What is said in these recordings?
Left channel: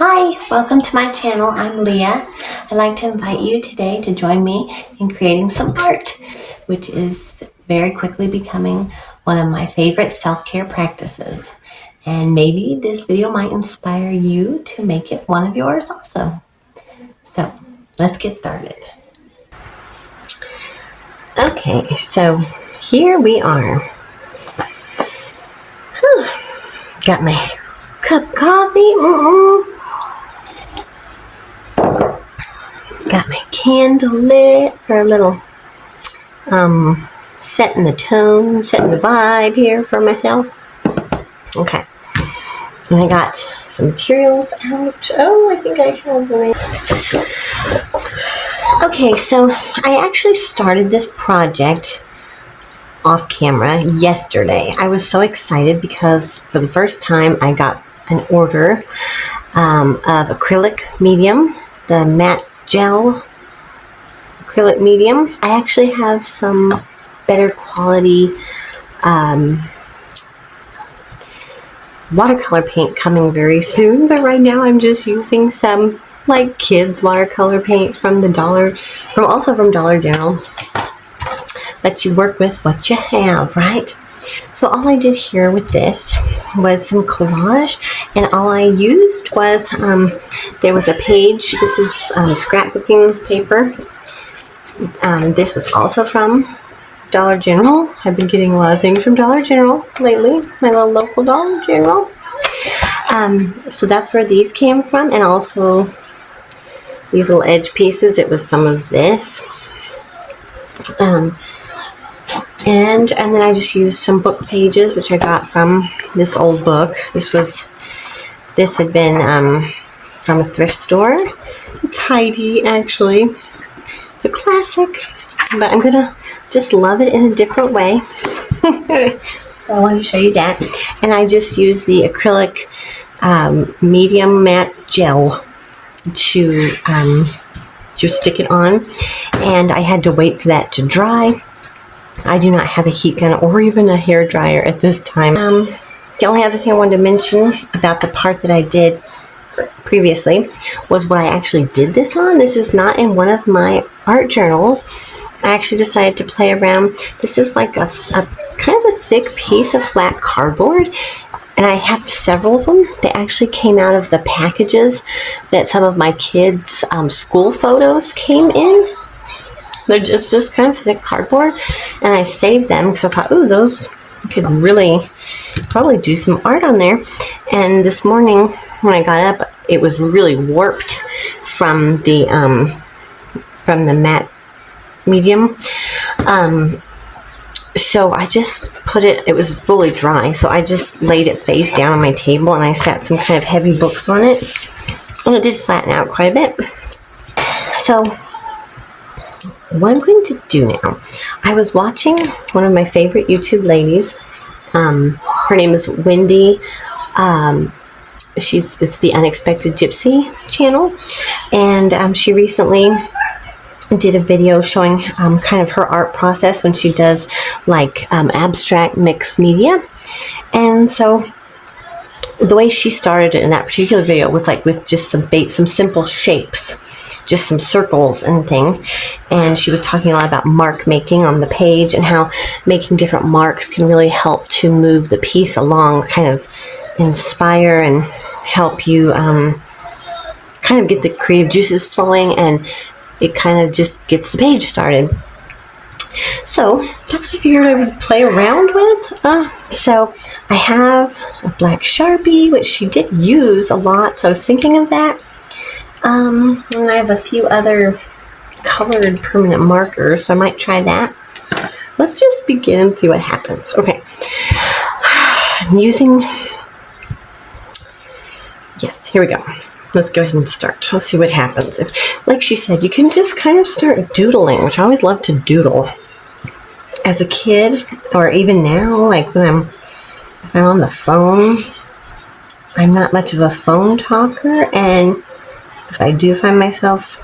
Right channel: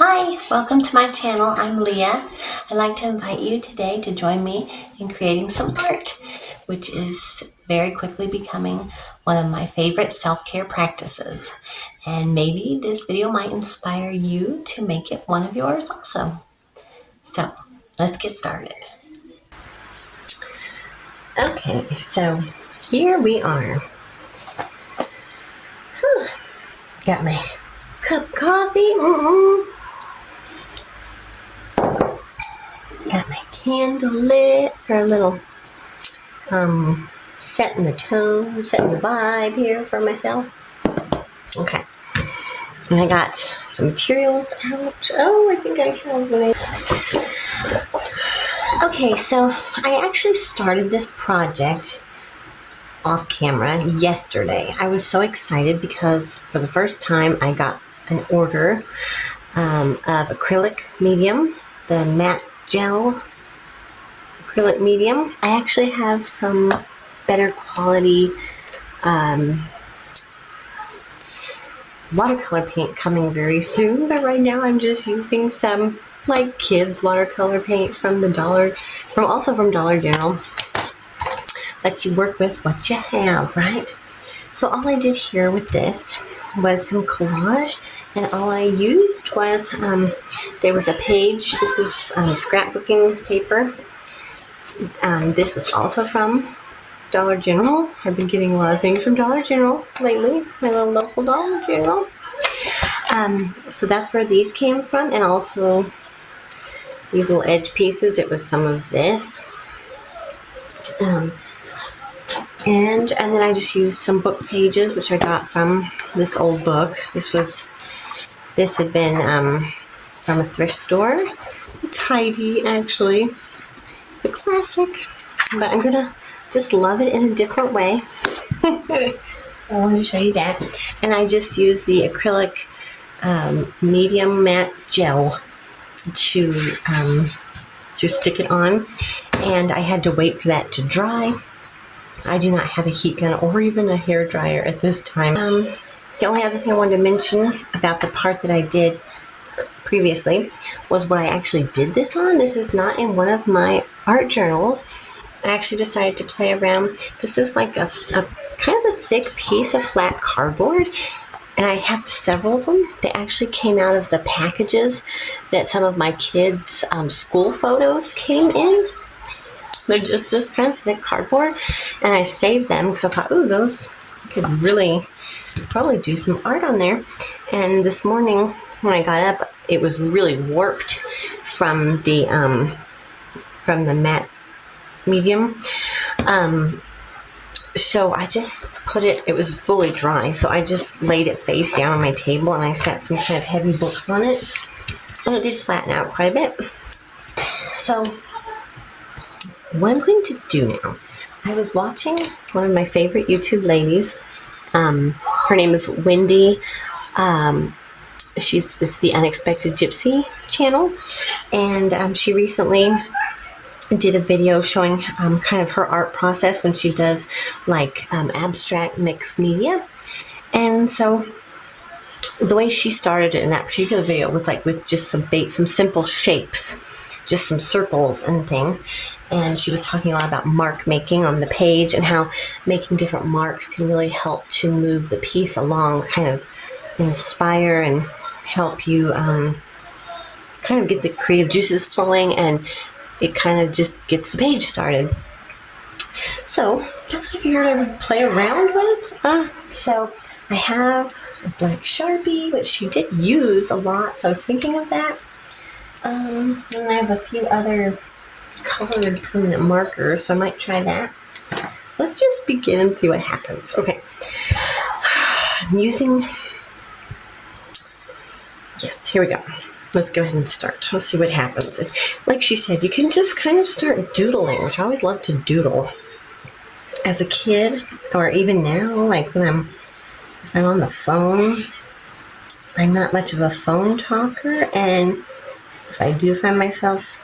Hi, welcome to my channel. I'm Leah. I'd like to invite you today to join me in creating some art, which is very quickly becoming one of my favorite self-care practices. And maybe this video might inspire you to make it one of yours also. So let's get started. Okay, so here we are. Got my cup of coffee. Got my candle lit for a little setting the tone, setting the vibe here for myself. Okay. And I got some materials out. Oh, I think I have one. Okay, so I actually started this project off camera yesterday. I was so excited because for the first time I got an order of acrylic medium, the matte gel acrylic medium. I actually have some better quality watercolor paint coming very soon, but right now I'm just using some like kids watercolor paint from Dollar General. But you work with what you have, right? So all I did here with this was some collage, and all I used was there was a page. This is scrapbooking paper. This was also from Dollar General. I've been getting a lot of things from Dollar General lately, my little local Dollar General. So that's where these came from, and also these little edge pieces. It was some of this. And then I just used some book pages, which I got from this old book. This had been from a thrift store. It's Heidi, actually. It's a classic, but I'm gonna just love it in a different way. So I wanted to show you that. And I just used the acrylic medium matte gel to stick it on, and I had to wait for that to dry. I do not have a heat gun or even a hair dryer at this time. The only other thing I wanted to mention about the part that I did previously was what I actually did this on. This is not in one of my art journals. I actually decided to play around. This is like a kind of a thick piece of flat cardboard, and I have several of them. They actually came out of the packages that some of my kids' school photos came in. They're just kind of thick cardboard, and I saved them because I thought, ooh, those could really probably do some art on there. And this morning when I got up, it was really warped from the matte medium. So I just put it was fully dry, so I just laid it face down on my table, and I sat some kind of heavy books on it, and it did flatten out quite a bit. So what I'm going to do now, I was watching one of my favorite YouTube ladies. Her name is Wendy. It's the Unexpected Gypsy channel, and she recently did a video showing kind of her art process when she does like abstract mixed media. And so the way she started it in that particular video was like with just some simple shapes, just some circles and things. And she was talking a lot about mark making on the page and how making different marks can really help to move the piece along, kind of inspire and help you kind of get the creative juices flowing, and it kind of just gets the page started. So that's what I figured I would play around with. So I have a black Sharpie, which she did use a lot, so I was thinking of that. And I have a few other colored permanent markers, so I might try that. Let's just begin and see what happens. Okay. I'm using... Yes, here we go. Let's go ahead and start. Let's see what happens. Like she said, you can just kind of start doodling, which I always love to doodle. As a kid, or even now, like if I'm on the phone, I'm not much of a phone talker, and if I do find myself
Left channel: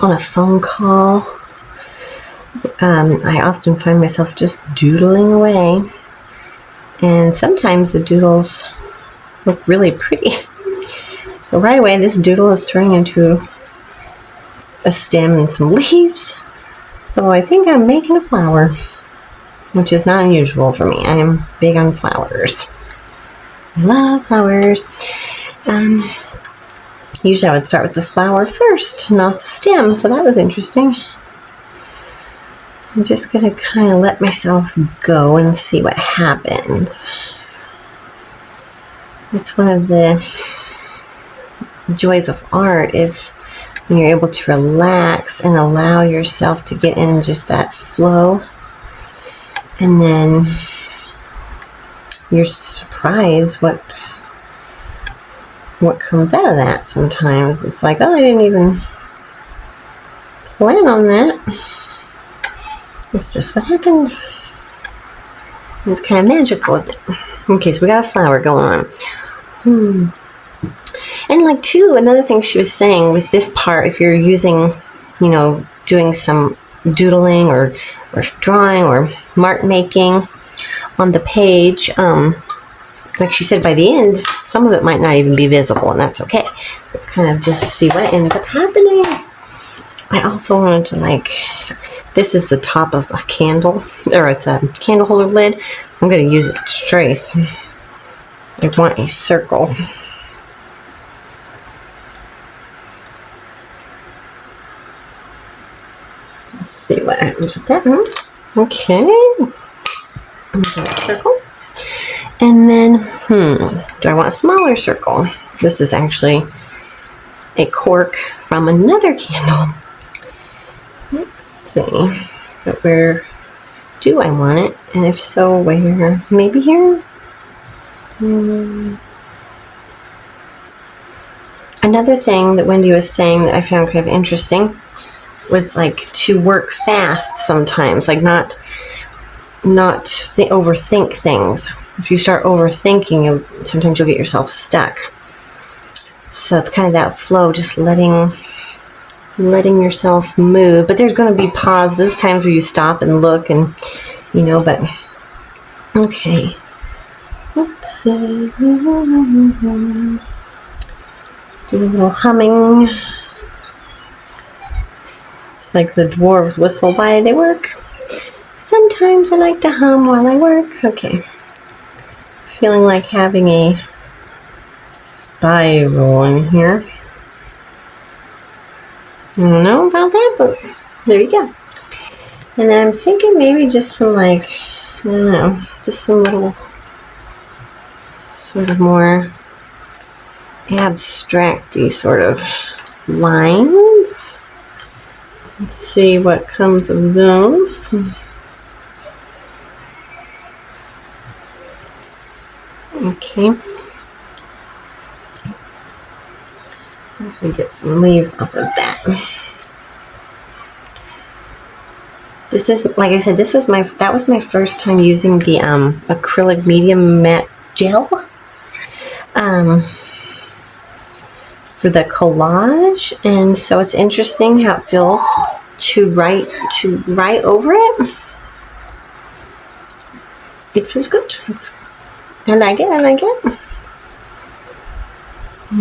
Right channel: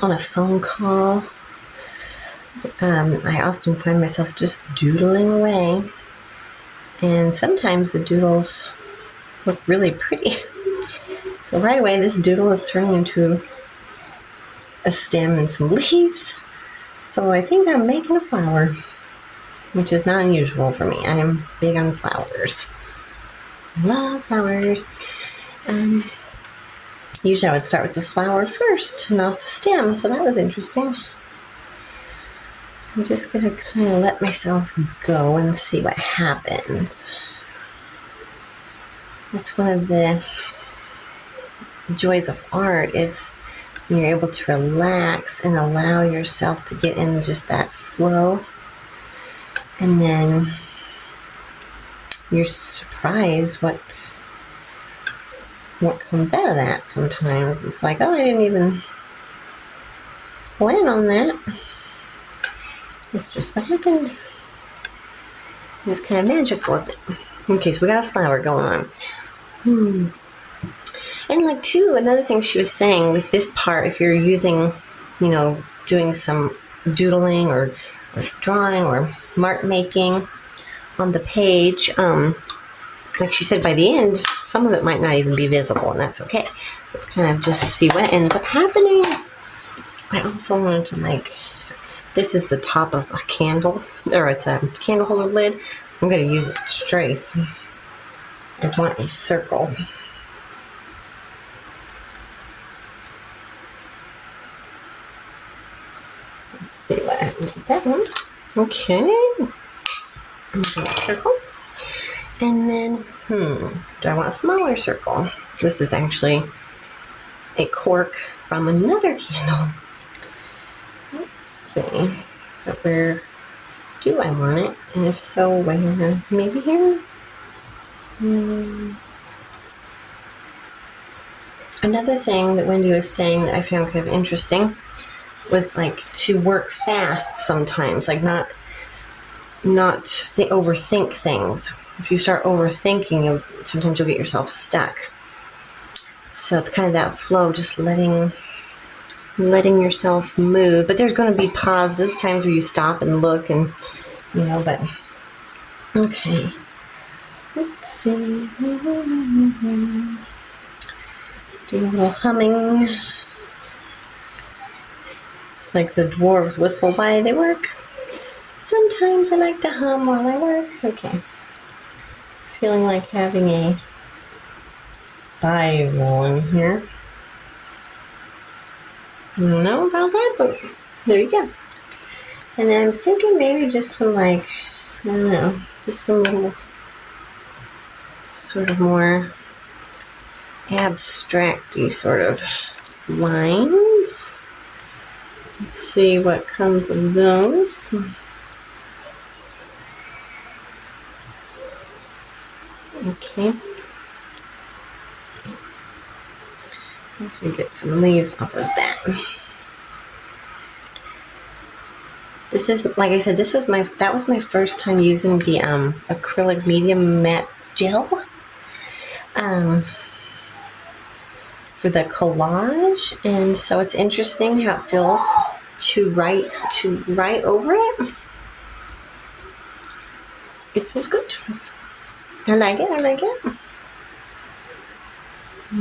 on a phone call, I often find myself just doodling away. And sometimes the doodles look really pretty. So right away, this doodle is turning into a stem and some leaves. So I think I'm making a flower, which is not unusual for me. I am big on flowers. Love flowers. Usually I would start with the flower first, not the stem. So that was interesting. I'm just going to kind of let myself go and see what happens. That's one of the joys of art, is when you're able to relax and allow yourself to get in just that flow. And then you're surprised what comes out of that sometimes. It's like, oh, I didn't even plan on that. It's just what happened. It's kind of magical, isn't it? Okay, so we got a flower going on. And like too, another thing she was saying with this part, if you're using, doing some doodling or drawing or mark making on the page, like she said, by the end, some of it might not even be visible, and that's okay. Let's kind of just see what ends up happening. I also wanted to this is the top of a candle, or it's a candle holder lid. I'm going to use it to trace. I want a circle. Let's see what happens with that one. Okay. Circle. And then, do I want a smaller circle? This is actually a cork from another candle. Let's see. But where do I want it? And if so, where? Maybe here? Another thing that Wendy was saying that I found kind of interesting was to work fast sometimes, not overthink things. If you start overthinking, sometimes you'll get yourself stuck. So it's kind of that flow, just letting yourself move. But there's going to be pauses, times where you stop and look, and but okay. Let's see. Do a little humming. It's like the dwarves whistle while they work. Sometimes I like to hum while I work. Okay. Feeling like having a spiral in here. I don't know about that, but there you go. And then I'm thinking maybe just some I don't know, just some little sort of more abstract-y sort of lines. Let's see what comes of those. Okay. Actually get some leaves off of that. This is, like I said, that was my first time using the acrylic medium matte gel for the collage, and so it's interesting how it feels to write over it. It feels good. I like it.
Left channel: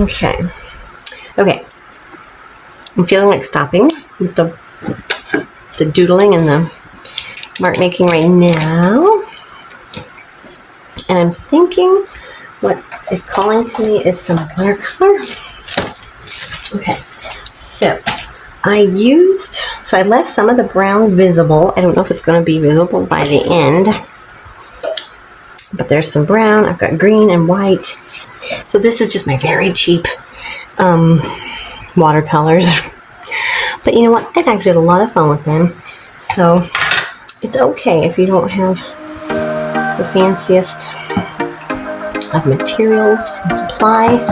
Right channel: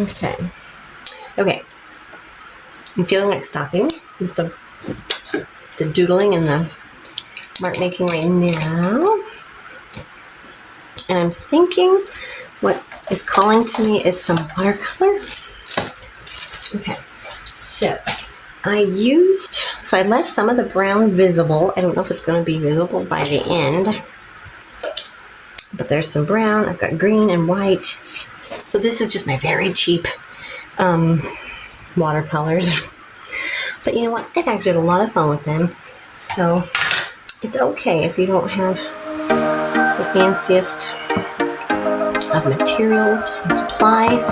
Okay. I'm feeling like stopping with the doodling and the mark making right now. And I'm thinking what is calling to me is some watercolor. Okay, so I left some of the brown visible. I don't know if it's going to be visible by the end, but there's some brown. I've got green and white. So this is just my very cheap watercolors. But you know what? I've actually had a lot of fun with them. So it's okay if you don't have the fanciest of materials and supplies.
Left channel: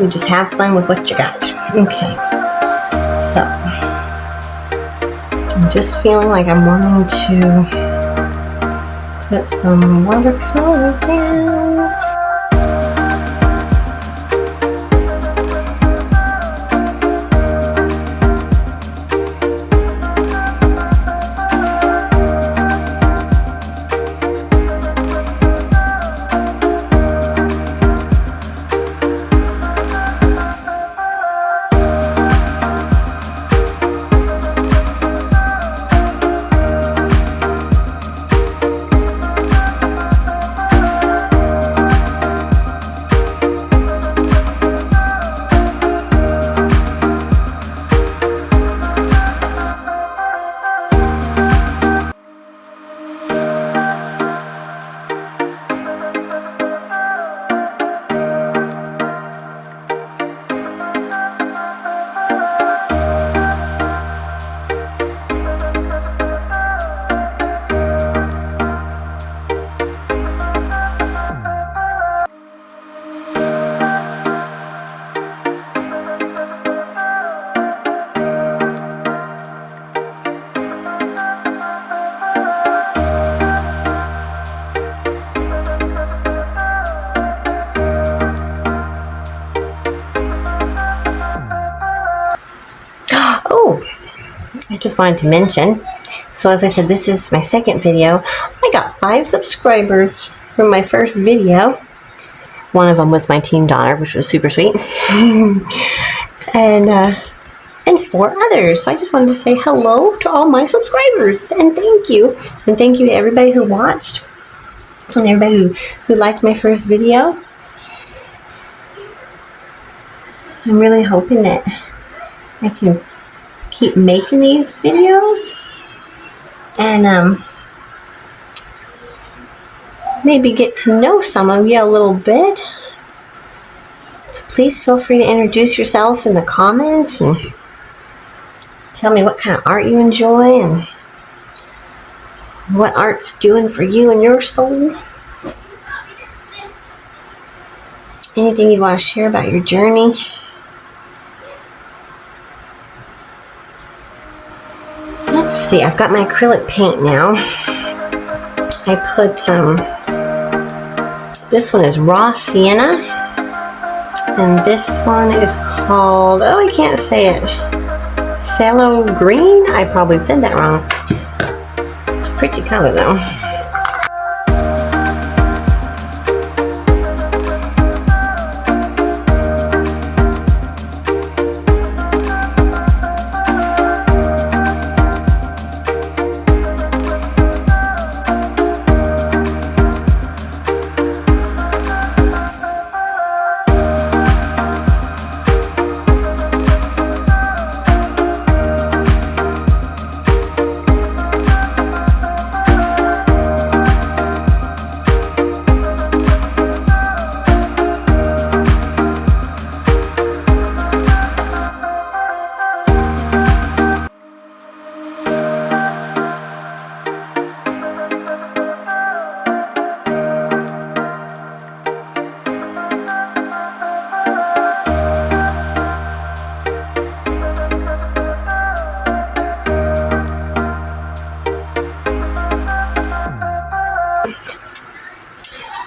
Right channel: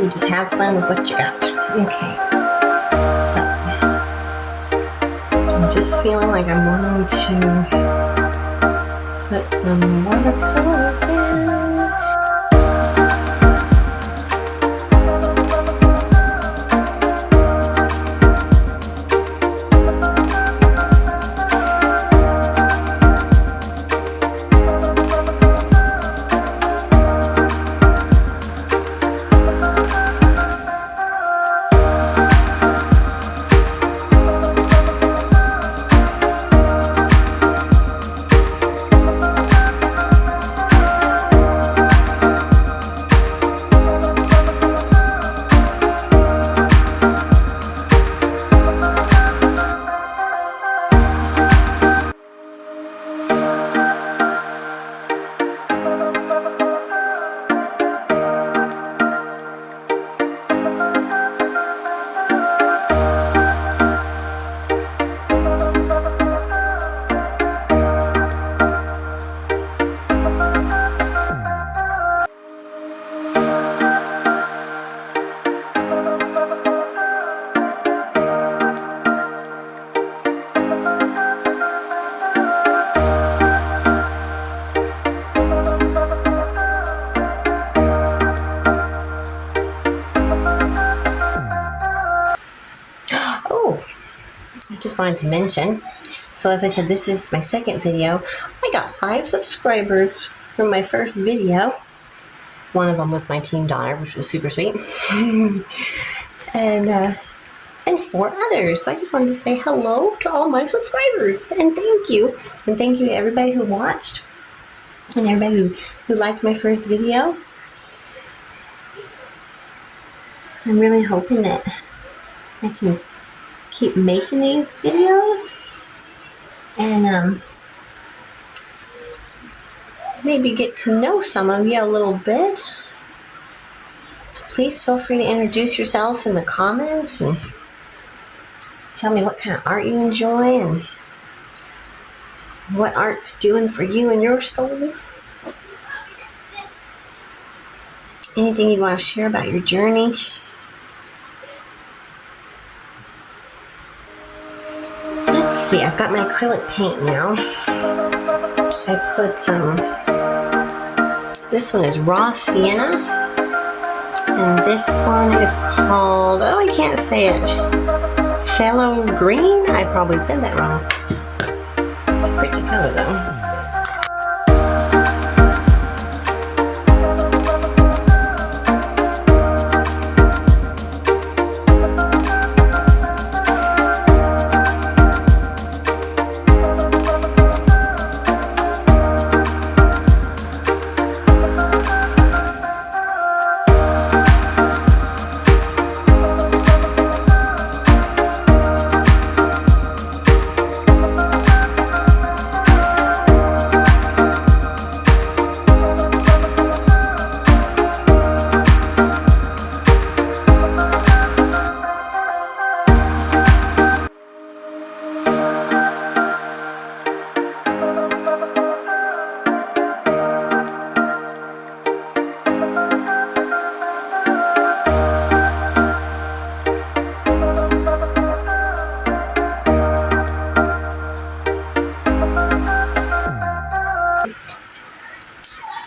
You just have fun with what you got. Okay. So I'm just feeling like I'm wanting to put some watercolor down. just wanted to mention. So as I said, this is my second video. I got 5 subscribers from my first video. One of them was my teen daughter, which was super sweet. and 4 others. So I just wanted to say hello to all my subscribers and thank you. And thank you to everybody who watched and everybody who liked my first video. I'm really hoping that I can keep making these videos and maybe get to know some of you a little bit. So please feel free to introduce yourself in the comments and tell me what kind of art you enjoy and what art's doing for you and your soul. Anything you want to share about your journey. Let's see, I've got my acrylic paint now. I put this one is Raw Sienna, and this one is called, oh, I can't say it, Phthalo Green? I probably said that wrong. It's a pretty color though.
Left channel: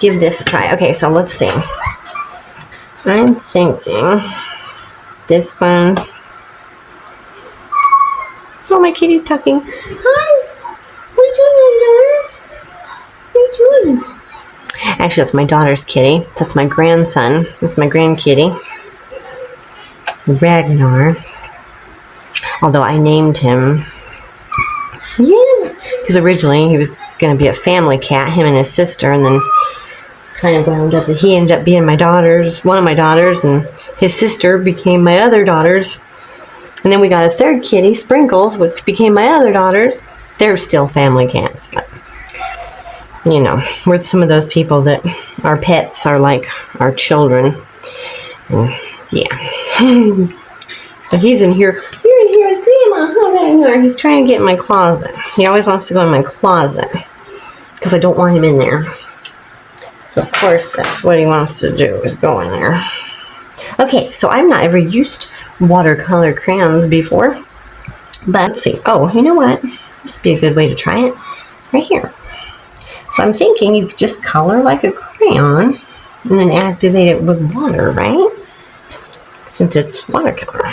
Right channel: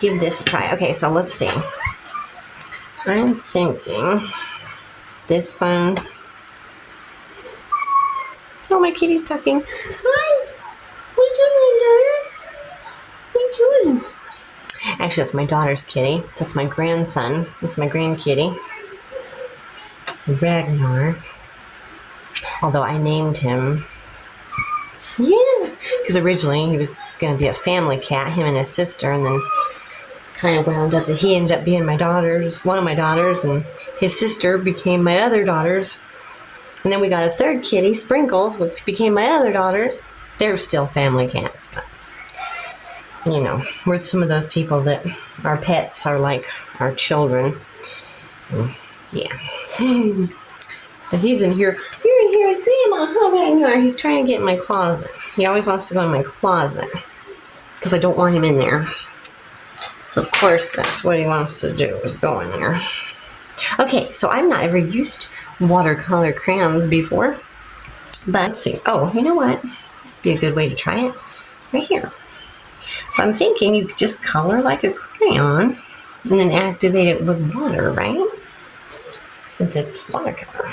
Give this a try. Okay, so let's see. I'm thinking this one. Oh, my kitty's tucking. Hi. What are you doing, daughter? What are you doing? Actually, that's my daughter's kitty. That's my grandson. That's my grandkitty, Ragnar. Although I named him. Yes. Because originally he was going to be a family cat, him and his sister, and then kind of wound up that he ended up being one of my daughters, and his sister became my other daughters. And then we got a third kitty, Sprinkles, which became my other daughters. They're still family cats, but you know, we're some of those people that our pets are like our children. And yeah. But he's in here. You're in here with Grandma. Oh, there you are. He's trying to get in my closet. He always wants to go in my closet because I don't want him in there. So of course that's what he wants to do, is go in there. Okay, so I've not ever used watercolor crayons before. But let's see. Oh, you know what? This would be a good way to try it. Right here. So I'm thinking you could just color like a crayon and then activate it with water, right? Since it's watercolor.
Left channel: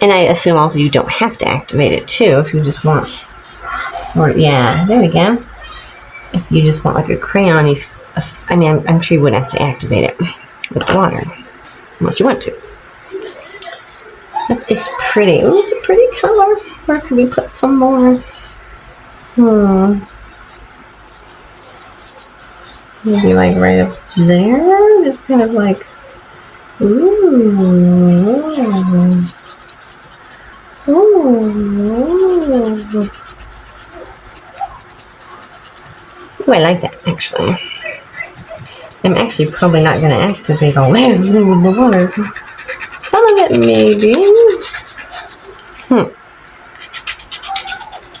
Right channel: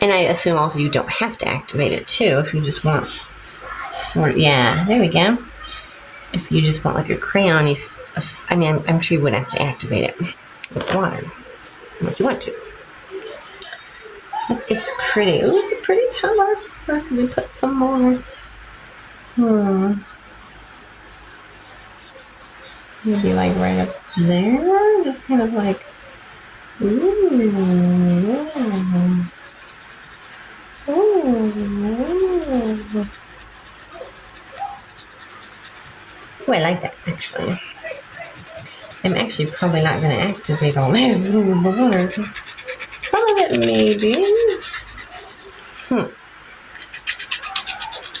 And I assume also you don't have to activate it too if you just want sort of, yeah, there we go. If you just want like a crayon, I mean, I'm sure you wouldn't have to activate it with water unless you want to. But it's pretty. Ooh, it's a pretty color. Where could we put some more? Maybe like right up there. Just kind of like, ooh. Ooh. Ooh, I like that, actually. I'm actually probably not going to activate all this with the water. Some of it, maybe.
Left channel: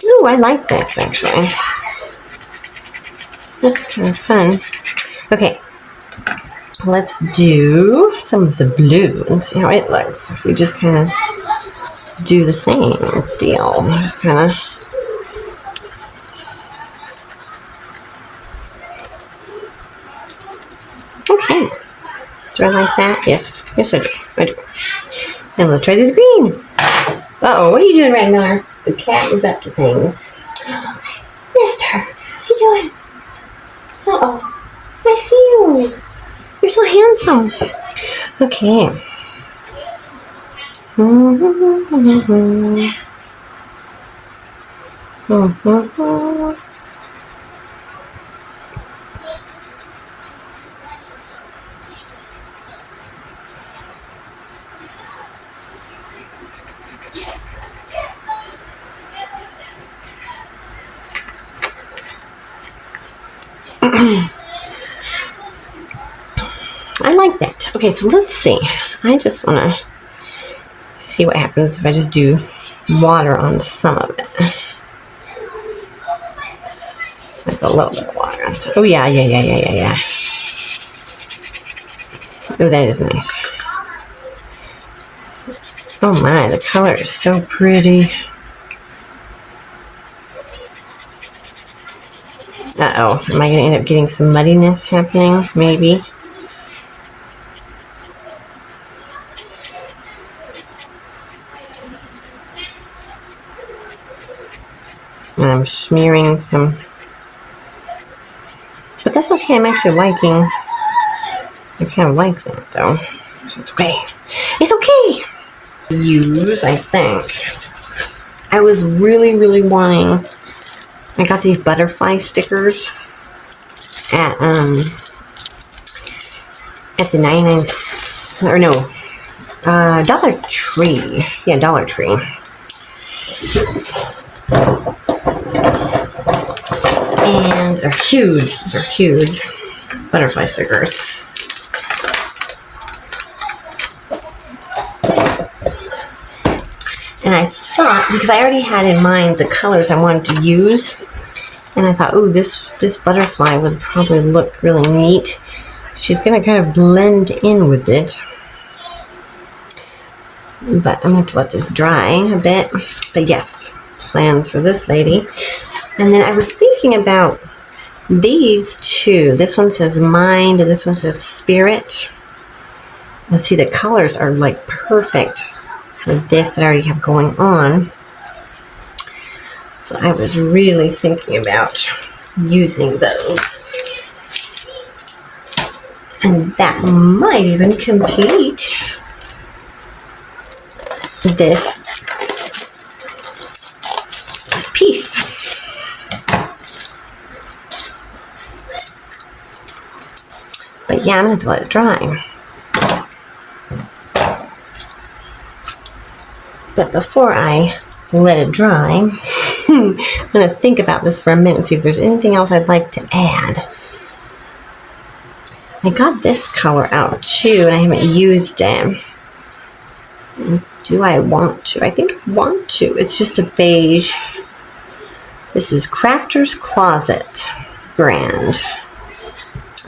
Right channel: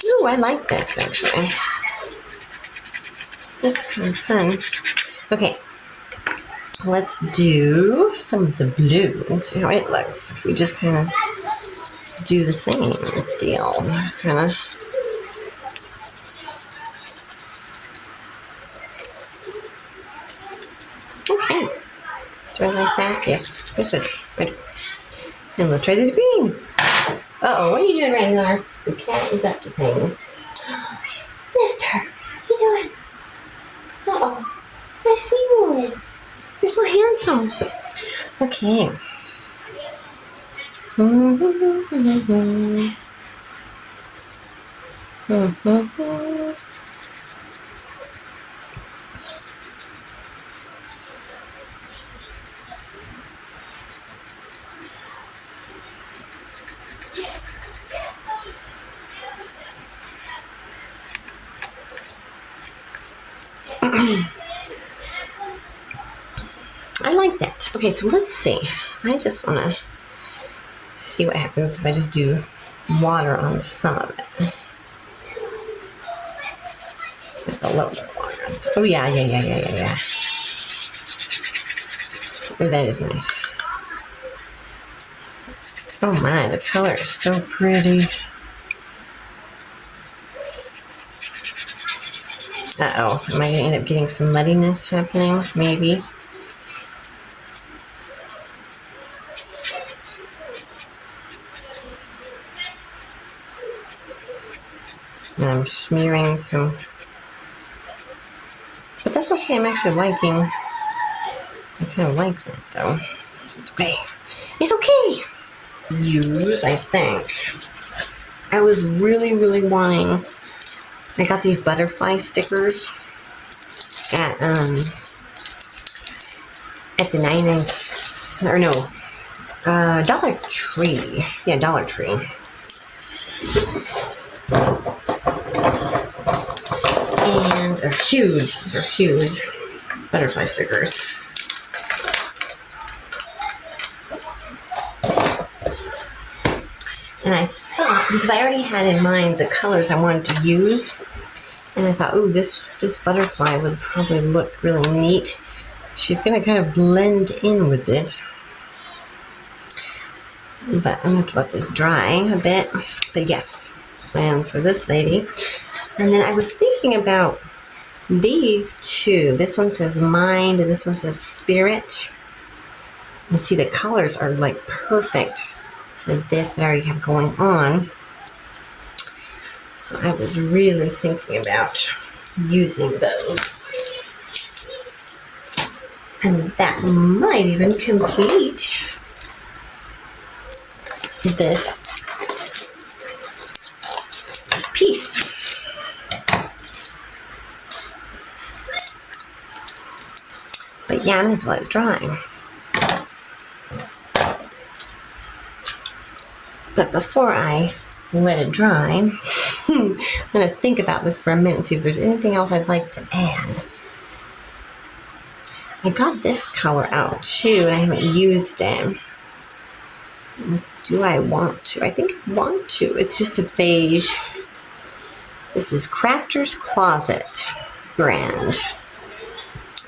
Ooh, I like this, actually. That's kind of fun. Okay. Let's do some of the blue and see how it looks. If we just kind of do the same deal. Just kind of... Okay. Do I like that? Yes. Yes, I do. I do. And let's try this green. Uh-oh, what are you doing right now? The cat is up to things. Mister, what are you doing? Uh-oh, I see you. You're so handsome. Okay. I like that. Okay, so let's see. I just want to see what happens if I just do water on some of it. Like a little bit of water on some. Oh, yeah. Oh, that is nice. Oh my, the color is so pretty. Uh-oh, am I going to end up getting some muddiness happening? Maybe. And I'm smearing some. But that's okay, I'm actually liking. I kind of like that though. So it's okay. It's okay! Use, I think. I was really wanting. I got these butterfly stickers at the 99 or no Dollar Tree. Yeah, Dollar Tree. And they're huge. These are huge butterfly stickers. And I thought, because I already had in mind the colors I wanted to use, and I thought, oh, this butterfly would probably look really neat. She's going to kind of blend in with it. But I'm going to have to let this dry a bit. But yes, plans for this lady. And then I was thinking about these two. This one says mind, and this one says spirit. Let's see, the colors are like perfect for this that I already have going on. So I was really thinking about using those. And that might even complete this piece. But yeah, I'm going to let it dry. But before I let it dry, I'm going to think about this for a minute and see if there's anything else I'd like to add. I got this color out too, and I haven't used it. And do I want to? I think I want to. It's just a beige. This is Crafter's Closet brand.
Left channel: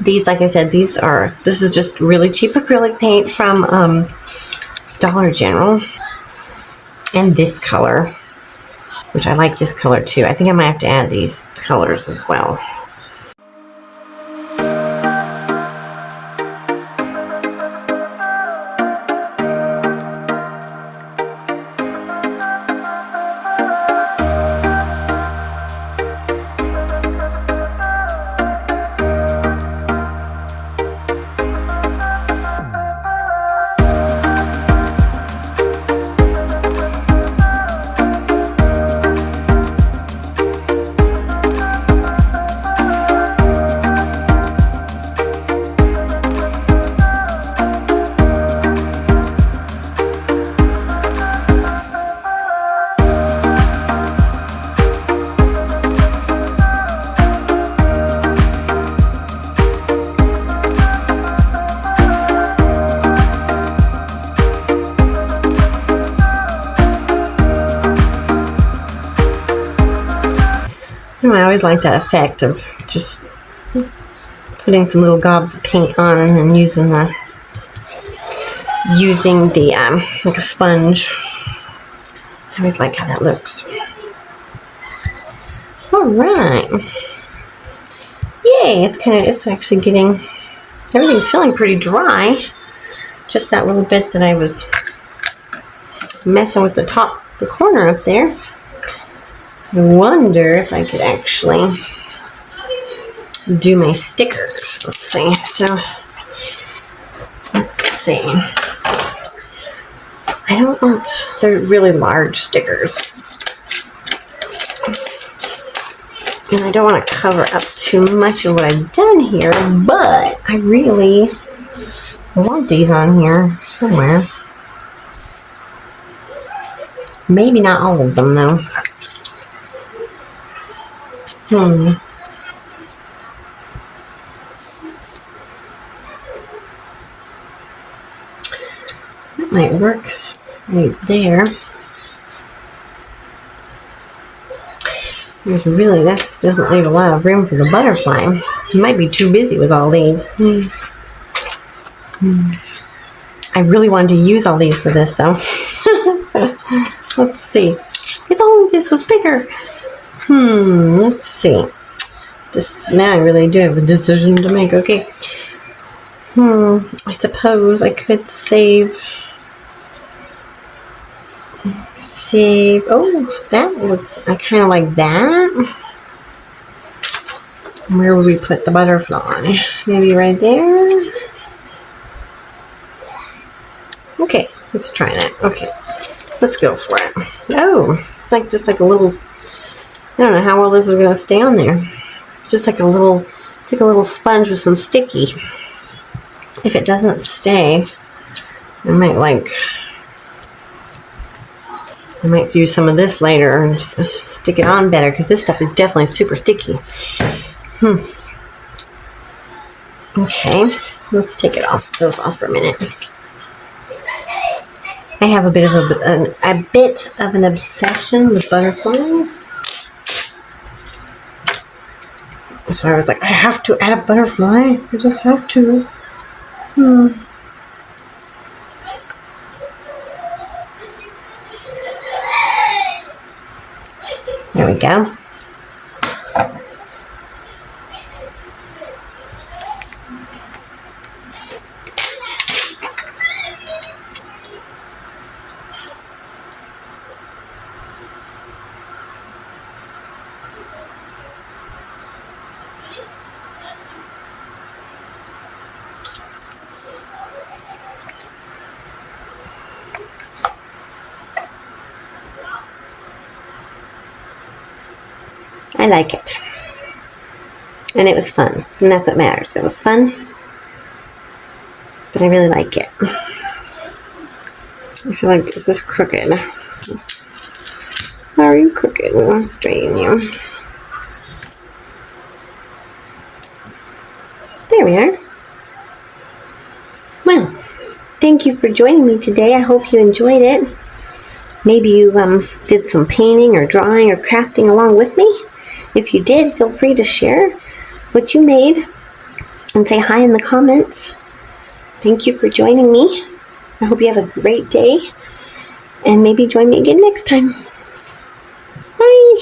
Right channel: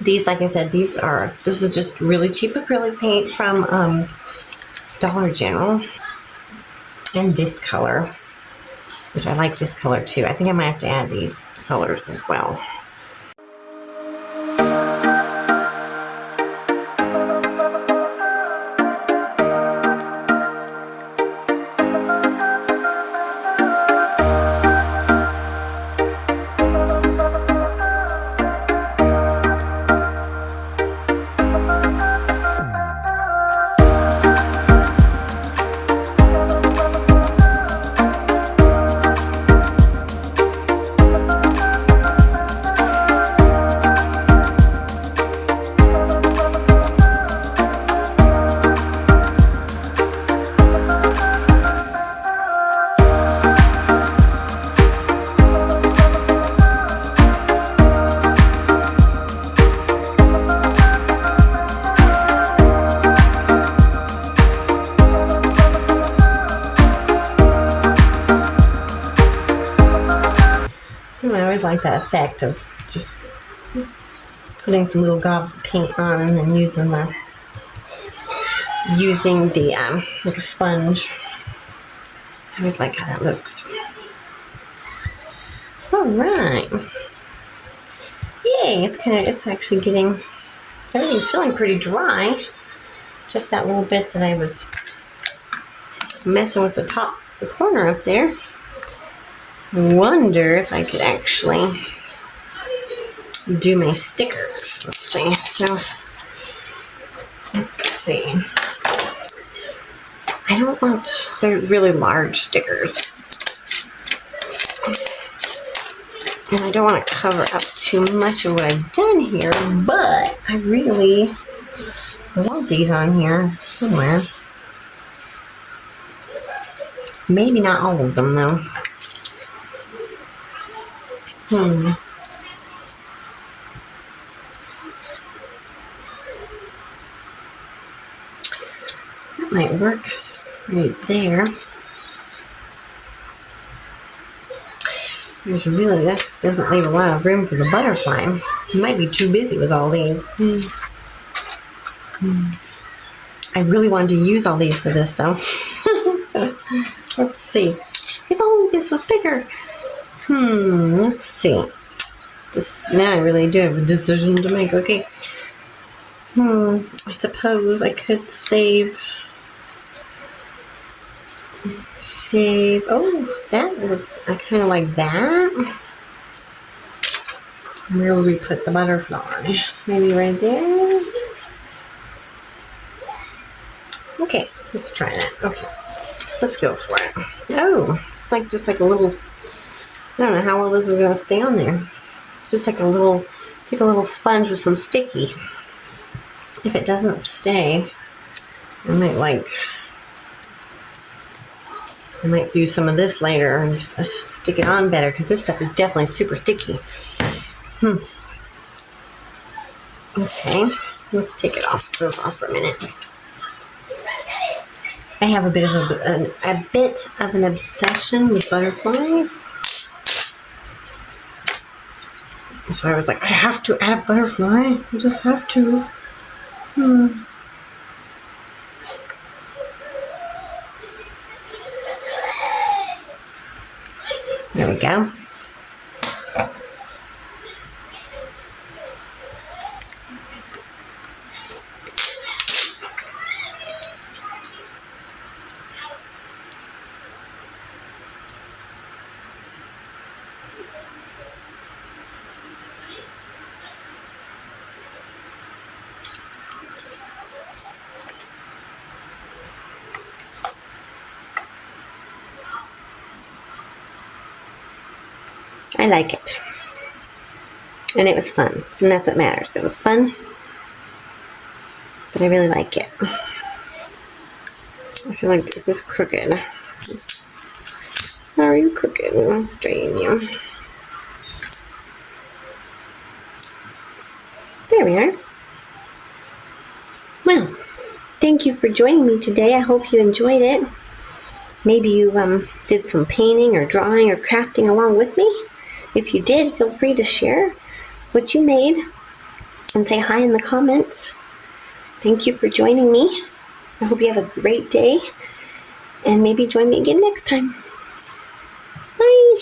These, like I said, this is just really cheap acrylic paint from Dollar General. And this color, which I like this color too. I think I might have to add these colors as well. I always like that effect of just putting some little gobs of paint on and then using the like a sponge. I always like how that looks. All right. Yay! It's actually getting, everything's feeling pretty dry. Just that little bit that I was messing with the top the corner up there. I wonder if I could actually do my stickers. Let's see. So, let's see. I don't want, they're really large stickers. And I don't want to cover up too much of what I've done here, but I really want these on here somewhere. Maybe not all of them, though. That might work right there. There's really, that doesn't leave a lot of room for the butterfly. You might be too busy with all these. I really wanted to use all these for this, though. Let's see. If only this was bigger. Let's see. This, now I really do have a decision to make. Okay. I suppose I could save. Oh, that looks kind of like that. Where would we put the butterfly? Maybe right there? Okay, let's try that. Okay, let's go for it. Oh, it's like just like a little, I don't know how well this is going to stay on there. It's just like a little, it's like a little sponge with some sticky. If it doesn't stay, I might use some of this later and stick it on better, because this stuff is definitely super sticky. Okay, let's take those off for a minute. I have a bit of an obsession with butterflies. So I was like, I have to add a butterfly. I just have to. There we go. I like it. And it was fun. And that's what matters. It was fun. But I really like it. I feel like, is this crooked? How are you crooked? I'll straighten you. There we are. Well, thank you for joining me today. I hope you enjoyed it. Maybe you did some painting or drawing or crafting along with me. If you did, feel free to share what you made and say hi in the comments. Thank you for joining me. I hope you have a great day, and maybe join me again next time. Bye.